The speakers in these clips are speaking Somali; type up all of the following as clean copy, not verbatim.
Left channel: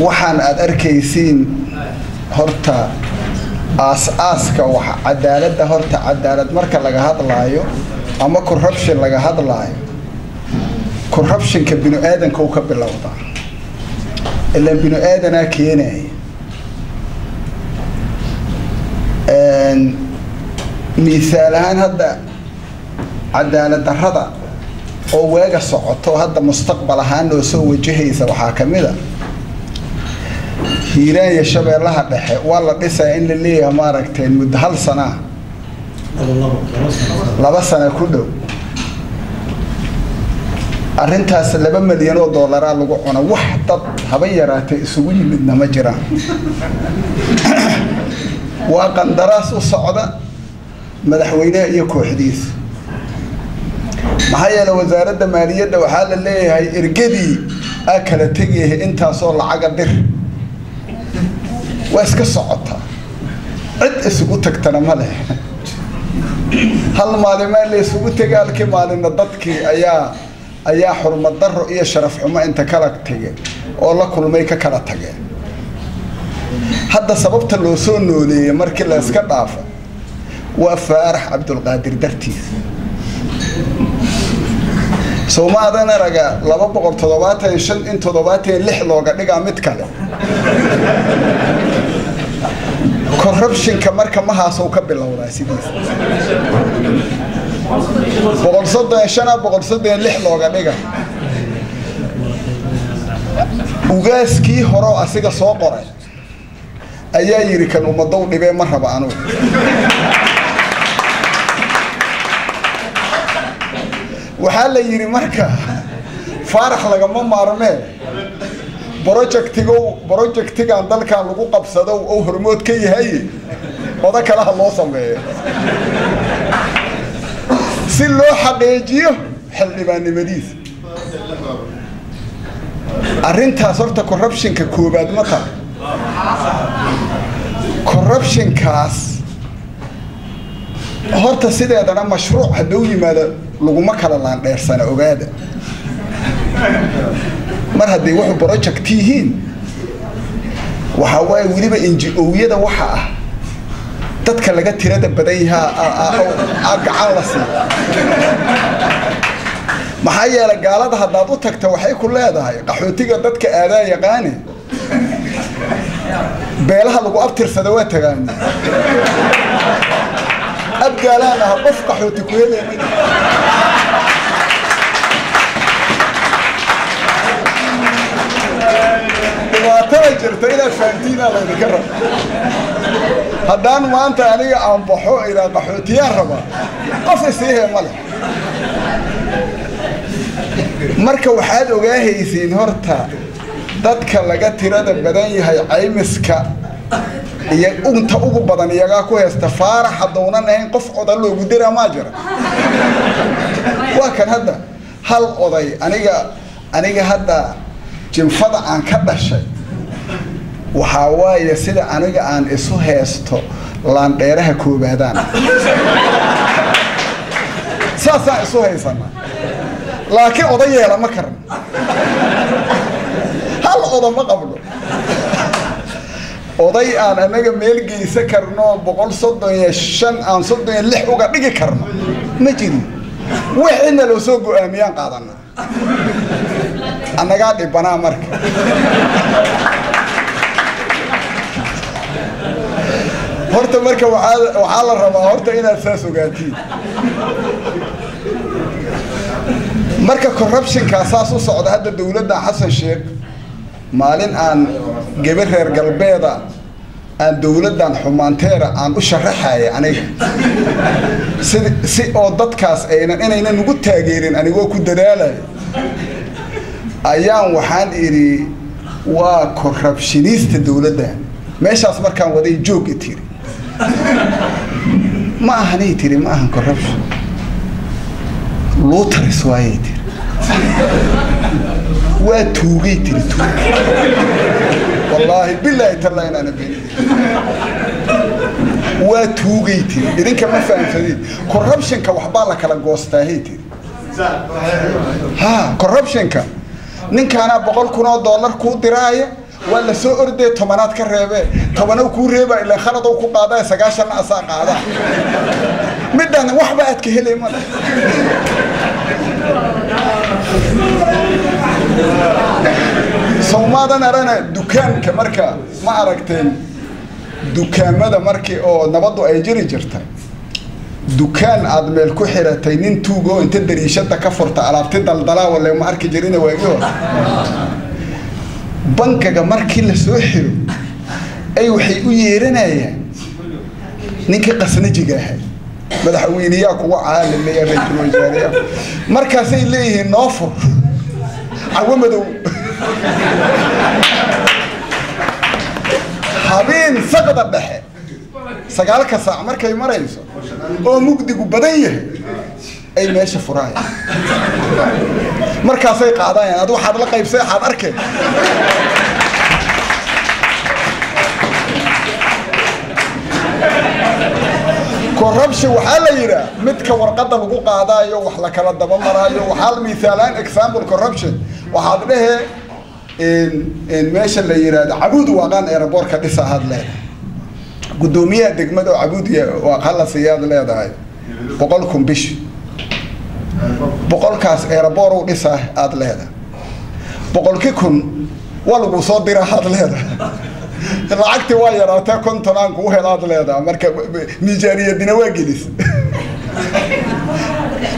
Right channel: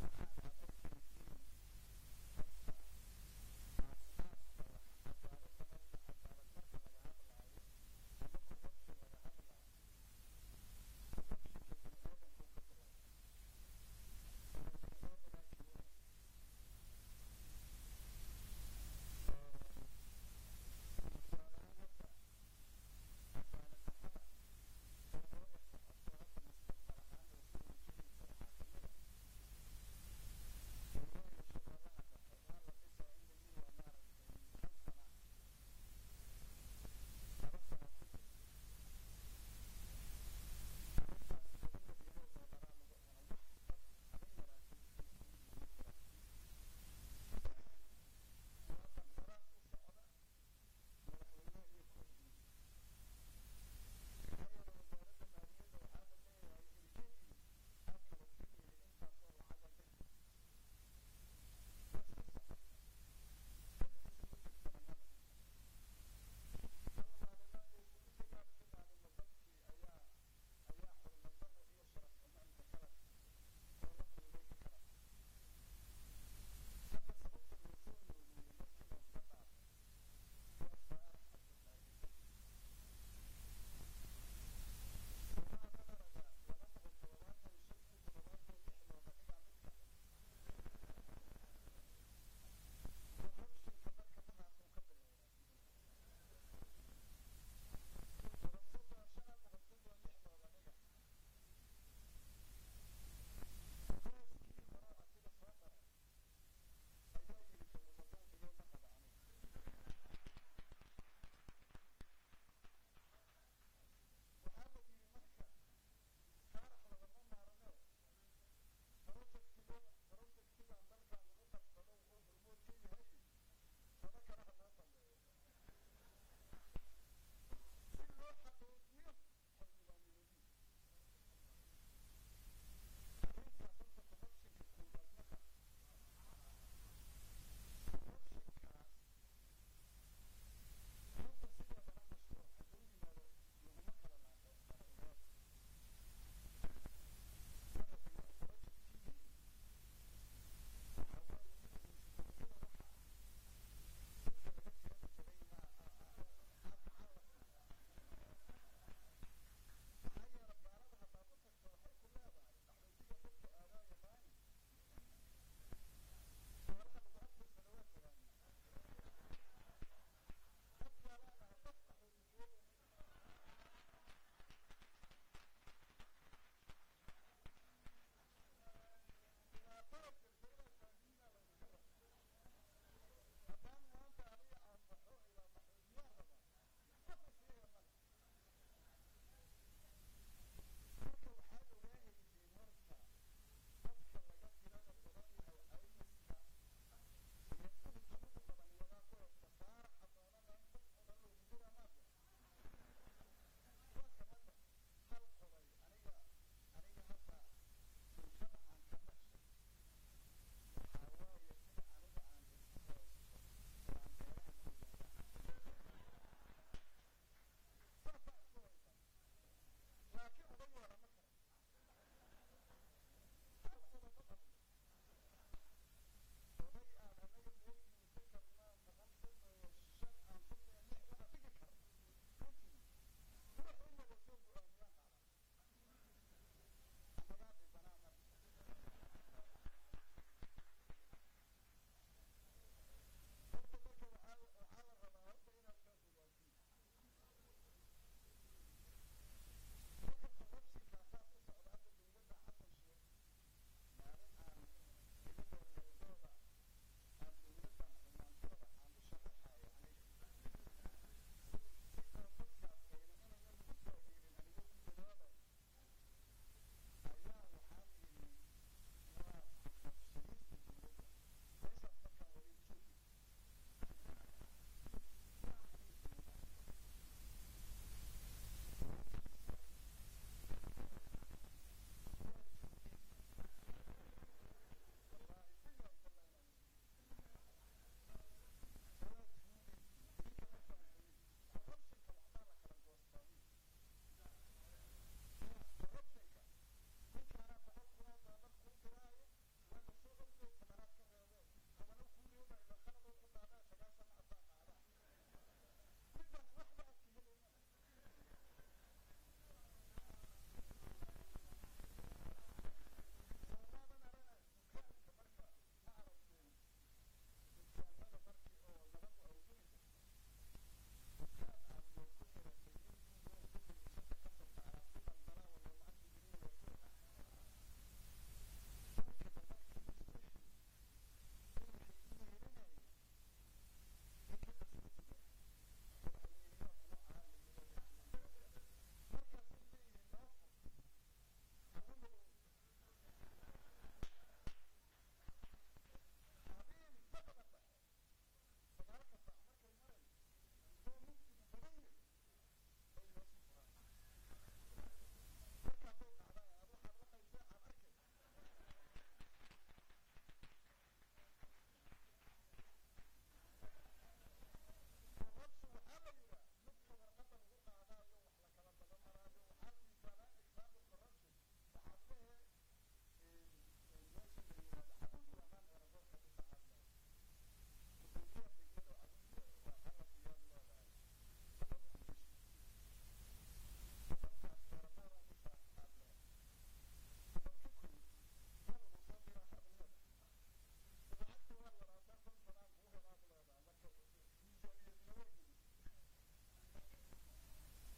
waxaan aad arkaysiin horta aas-aaska waxa cadaaladda horta cadaalad marka laga hadlaayo ama corruption laga hadlaayo corruptionka binu aadanka uu ka bilowdaa ilaa binu aadanaa keenaya misaal ahaan hadda cadaalad darrada oo weega socoto hadda mustaqbal ahaan oo soo wajahaysa waxaa ka mid ah hiiraan iyo shabeellaha dhexe waa la dhisayaa in la leeyahay maaragteen muddo hal sana laba sano ku dhow arrintaas $2 milyan lagu cuna wax dad haba yaraatay isugu yimidna ma jiraan waa qandaraas u socda madaxweynaha iyo kooxdiisa maxaa yeelay wasaaradda maaliyadda waxaa la leeyahay ergadii aa kala tegayay intaasoo lacaga dir waa iska socotaa cid isugu tagtana ma leh hal maalimaa la isugu tegay halkii maalinna dadkii ayaa xurmad darro iyo sharaf xumo inta kala tegay oo la kulmay ka kala tageen hadda sababta loo soo nooleeyay markii la iska dhaafa waa Faarax Cabdulqaadir dartiis Soomaalidan araga 275 in 76 looga dhigaa mid kale corruptionka marka ma haaso ka bilowdaa sidiis 136 looga dhiga ugaaskii hore asiga soo qoray ayaa yiri kan umadow dhibee ma raba anu waxaa la yiri marka Faarax lagama maarmee projectigan dalkan lagu qabsado oo hormood ka yahay oda kala loo sameeyo si loo xaqiijiyo xildhibaannimadiisa arrintaas horta corruptionka koobaad ma tahay corruptionkaas horta sideedana mashruuc hadduu yimaado laguma kala laandheersana ogaada mar haddii wuxuu project yihiin waxa waaye weliba NGO-yada waxa ah dadka laga tirada badan yahaa gacan la siiyo maxaa yeelay gaalada haddaad u tagta waxay ku leedahay qaxootiga dadka aadaa yaqaane beelaha lagu abtirsada waa tagaan abgaalaana qof qaxooti ku helay jirta ila faantiina la dhigara haddaan maanta aniga aan baxo ila qaxootiyaan raba qof isii male marka waxaad ogaahaysiin horta dadka laga tirada badan yahay caymiska iyo unta ugu badan iyaga ku heesta Faarax hadoonan ahayn qof oday loogu diraa ma jira waa kan hadda hal oday aniga hadda jinfada aan ka dhashay waxa waaye sida aniga aan isu heesto laan dheeraha koobaadaan saasa isu heysana laakiin odayeela ma karan hal oday ma qablo oday aan anaga meel geysa karno 135 aan 36 uga dhigi karno ma jiro wixina loo soo go'aamiyaan qaadana anaga dhibana marka horta marka waxa la rabaa horta inaad saas ogaatiin marka corruption ka asaas u socda hadda dawladda Xasan Sheekh maalin aan gabar reer galbeeda aan dawladdan xumaanteera aan u sharaxay aniga si oo dadkaas inaynan ugu taageerin anigoo ku dadaalay ayaan waxaan iri waa corruptionist dawladda meeshaas markaan waday joog tiri ما هني تري ما هن corruption لوتر سواي تري وتوجي تري والله بالله ترى أنا بيني وتوجي تري إذا كمان فاهم فدي corruption كوحبالك على جوسته هي تري ها corruption نين كان $100 كود دراية ولا سو أردي تمنات كرهبة تمنو كورهبة إلا خلطوا كقاضي سجاشنا أساق قاضي مدنا وحبة أتكهلي ماذا سومادا نرانا دكان كمركا ما أركتين دكان ماذا مركي أو نبضوا أي جرتا دكان عدمل كحرة تينين توجو أنت تدري شتى كفرت على بتدل ضلا ولا ما أركي جرينا ويجوا بنك جمركي لسوحلو أي وحي ويرنا يا نيك قسنجي جاهل مدحوينياك وعال اللي يرجل وجاريا مركزي ليه نافر عومدو حبين سقط الدحي سقالك ساعة مركي مريسو او مقدقو بديه اي ماشي فراي مركزي قاعدين ادو حد لقى بسي حد اركي كوربشي وحال يرا مدك ورقده لو قادايو wax la kala daba marayo waxal miisaalan example corruption waxa dhahe in meesha la yiraahdo Abuud Waaqan airport ka dhisa hadlay gudoomiyaha degmada Abuud waa qalasiyad leedahay 100,000 bish 100kaas airport uu dhisa aad leedahay 100,000 waa lagu soo diraa had leedahay lacagti waa yaraatay kontonaan ku helaad leedahay marka miisaaniyadina waa gelis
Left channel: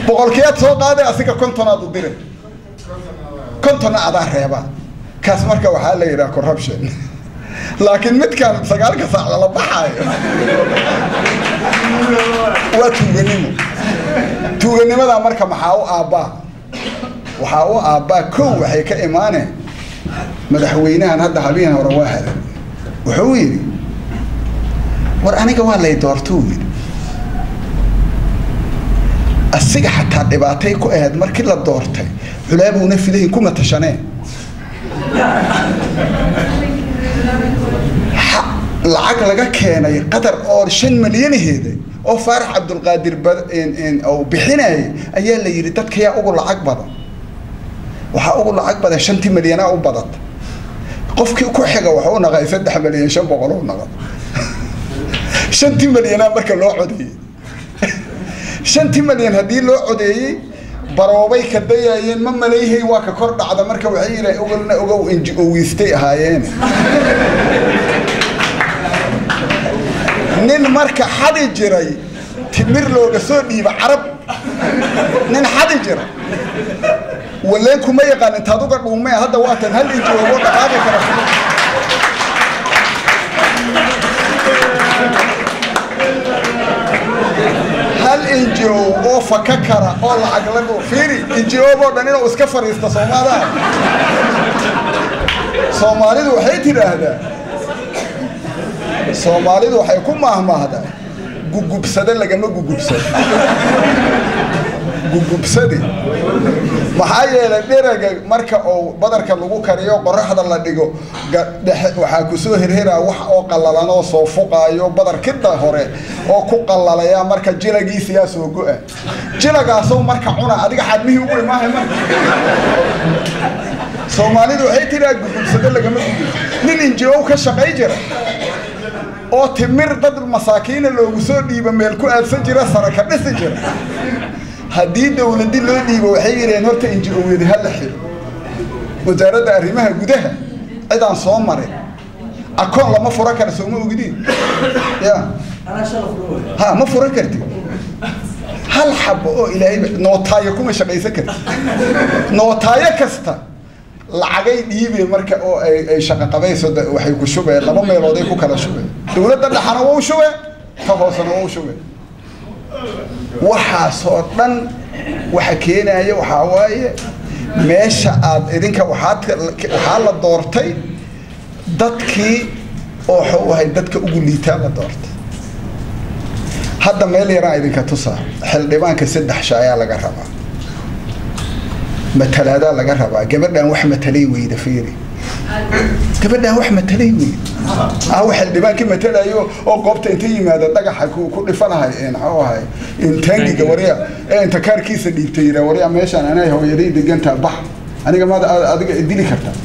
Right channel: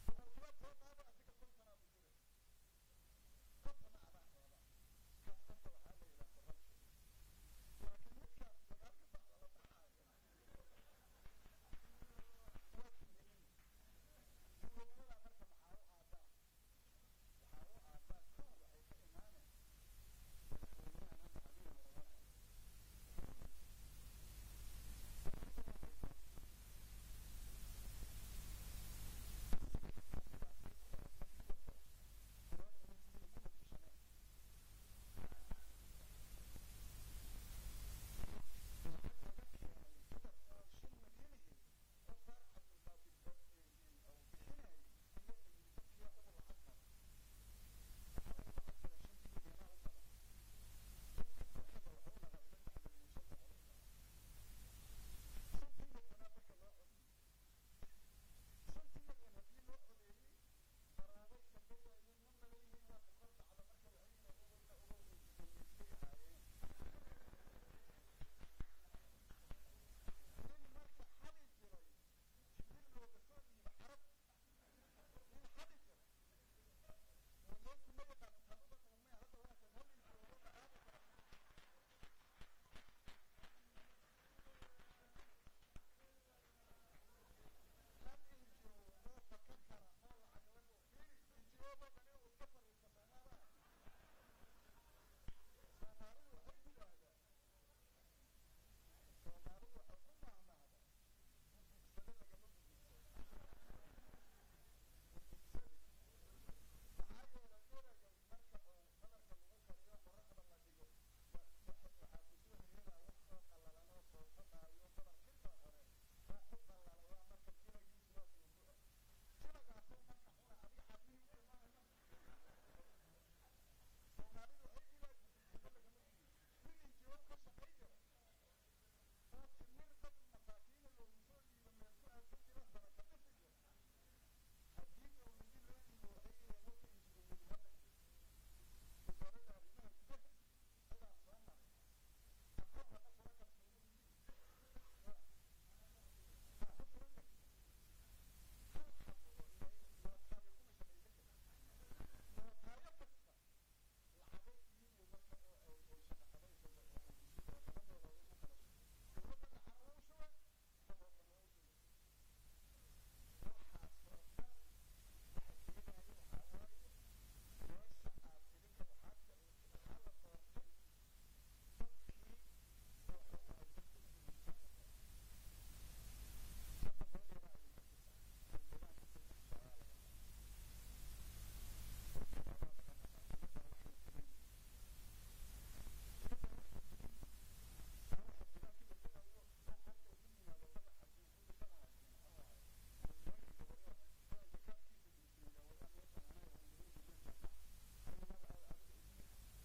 boqolkiiba soo qaaday asiga kontonaad u diray kontona ada reeba kaas marka waxa la yiraahdaa corruption laakiin midkan sagaalka saac la baxayo waa tuuganimada marka maxaa u aabaa kow waxay ka imaaneen madaxweynahan hadda habeen hore waa hadan wuxuu yiri war aniga waa lay doortuu yiri asiga xataa dhibaatay ku ahayd markii la doortay culaabuna fidayn kuma tashaneen lacag laga keenay qadar oo 5 milyan heeday oo Faarax Abdul Qaadir oo bixinay ayaa la yiri dadka yaa ugu lacag badan waxa ugu lacag badan 5 milyan oo badan qofkii ku xiga waxa uu naqay 3 milyan 500 oo naqad 5 milyan marka loo codeeyay 5 milyan hadii loo codeeyay baroobay ka dayayeen ma maleeyay waa ka kor dhacda marka waxay yiraahdeen ogolna ogow NGO wiistay ahaayeen nin marka xadi jiray timir looga soo dhiiba carab nin xadi jiray ولا كم يقال أنت هذوك الأمة هذا وقت هل يجوا ولا هذا كلام هل يجوا أو فككرة أو عقلهم فيري يجوا بدنا وسكفر يستصومادا صومالي ذو حيتي هذا صومالي ذو حيكون مهما هذا جوجو بسدل لجنة جوجو بسدل جوجو بسدل maxaa yeelay dheeraga marka oo badarka lagu kariyo qorraxda la dhigo waxa ku soo hirhiraa wax oo qallalan oo soo fuqaayo badarkida hore oo ku qallalaya marka jilagiisa yaa soo go'a jilagaas oo marka cuna adiga xadmihii ugu imaahay marka Soomaalidu waxay tiraa gudubsada laga ma nin NGO ka shaqay jira oo timir dad masaakiin loogu soo dhiiba meel ku aadsan jira saraka dhisi jira haddii dawladii loo dhiibo waxay yireen horta NGO-yada hal xil wasaaradda arrimaha gudaha cidaan soo maray akoon lama furo karo soo ma ogidin ya ha ma furo karti hal xabo oo ilaahay nootaayo kuma shaqaysan karti nootaayo kasta lacagay dhiibay marka oo ay shaqo qabayso waxay ku shubeen laba meelood ay ku kala shubeen dawladda dhaxana waa u shubeen ka hoosana waa u shubeen waxa soo dhan waxa keenaya waxa waaye meesha aad idinka waxa la doortay dadkii oo xoohay dadka ugu liitaa la doortay hadda meel yaraan idinka tusaa xildhibaanka 3 shaayaa laga rabaa matalaada laga rabaa gabadhan wax matalay weyda fiiri gabadhan wax matalay weyda waxa xildhibaankii matalayo oo qoobta inta yimaada dhagaxa ku dhifanahay xoohay intaangiga wariya inta kaarkiisa dhiibtay wariya meeshan anay hooyaday diganta bax aniga ma adiga idili kartaa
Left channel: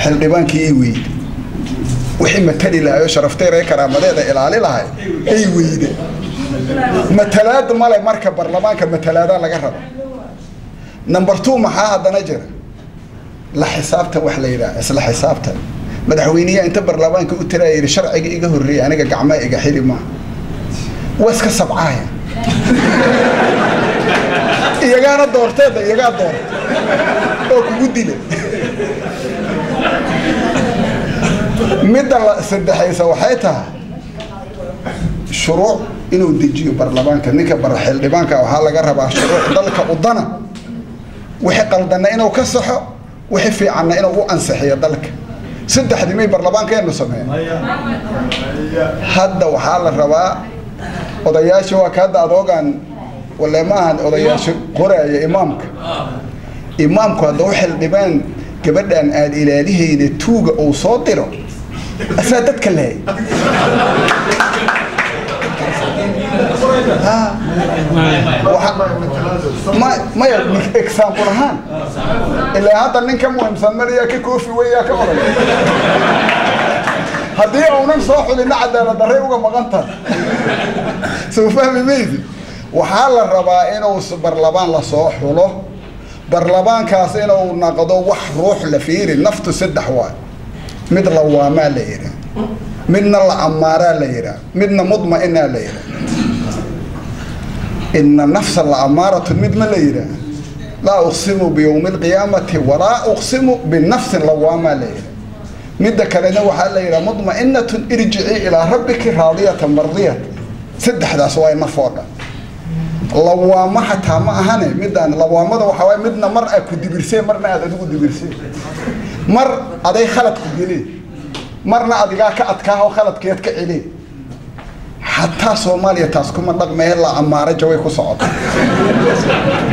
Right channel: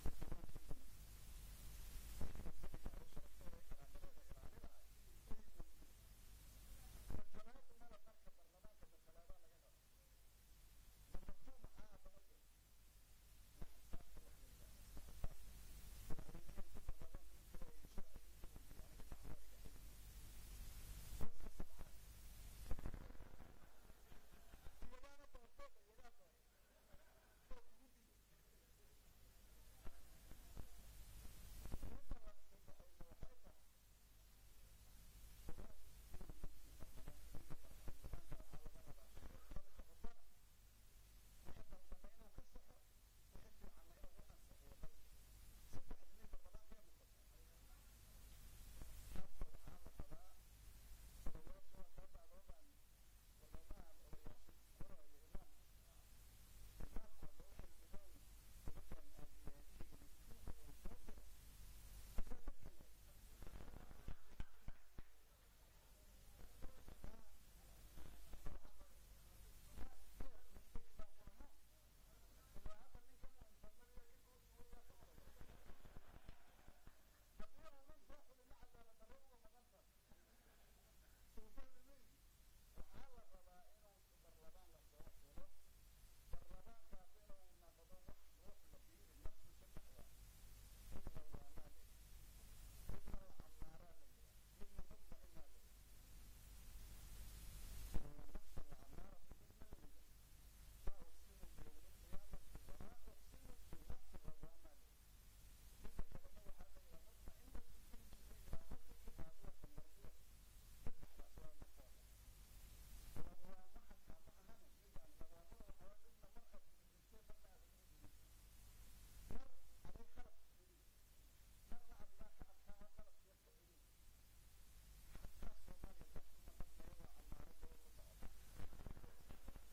حلبان كي وحي متلي لها شرفتي ريكرا مديدة إلالي لها أي ويدي متلاد مالي مركب برلمان كمتلادا لقرب نمبر 2 محاها دنجر لا حسابته وحليلا اسلا حسابته مدحوينيه انت برلمان كو تراير شرعي ايغا هوري انيغا غعما ايغا خيري ما واسكا سبعايا iyaga doorteeda iyaga door oo ku gudile midda saddexaysa waxay tahay shuruuc inuu dejiyo barlamaanka ninka barxil dhibaanka waxa laga rabaa shuruuc dalka udana wixii qaldana inuu ka saxo wixii fiicanna inuu u ansixiyo dalka saddexdii may barlamaanka inuu sameeyo hadda waxa la rabaa odayaasha waa ka adoogan ولا ما هن أضياش قرية إمامك هذا وحل دبان كبدأ أن الإلهي نتوج أو صادره أساتك كله ما إكسام برهان إلا هذا نكمل مهم سمريا كوفي ويا كوري هدي أو نمسح لنا عدالة دريوجا مغنطر سوف فهم ميزي وحال الربا إنه برلمان لصوح وله برلمان كاس إنه نقضوا وح روح لفير النفط 6 حوال مثل لواما ليرة من العمارة ليرة من مضمئنة ليرة إن نفس العمارة مضمئنة ليرة لا أقسم بيوم القيامة ولا أقسم بالنفس اللوامة ليرة مدة كلنا وحال ليرة مضمئنة ارجعي إلى ربك راضية مرضية 6 حداث واي نفوقا لوامة حتى ما هني مدان لوامة وحوي مدنا مرة كدبرسي مرة هذا كدبرسي مر أدي خلط كجلي مرة أدي كأتكاه وخلط كيت كعلي حتى سوماليا تاسكم الرقم هلا عمارة جوي كصعد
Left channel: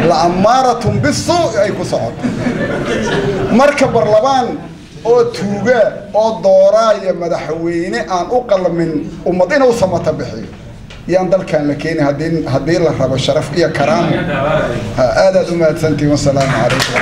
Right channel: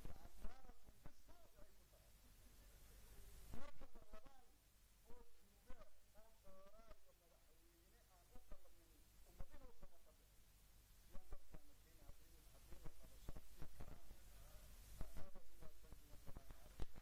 لعمارة بالسوء أي كصعد مركب برلمان أو توجا أو دورايا مدحويني أن أقل من أمتين وسمت بحي يندل كان لكين هدين الله رب الشرف يا كرام هذا دمات سنتي والسلام عليكم.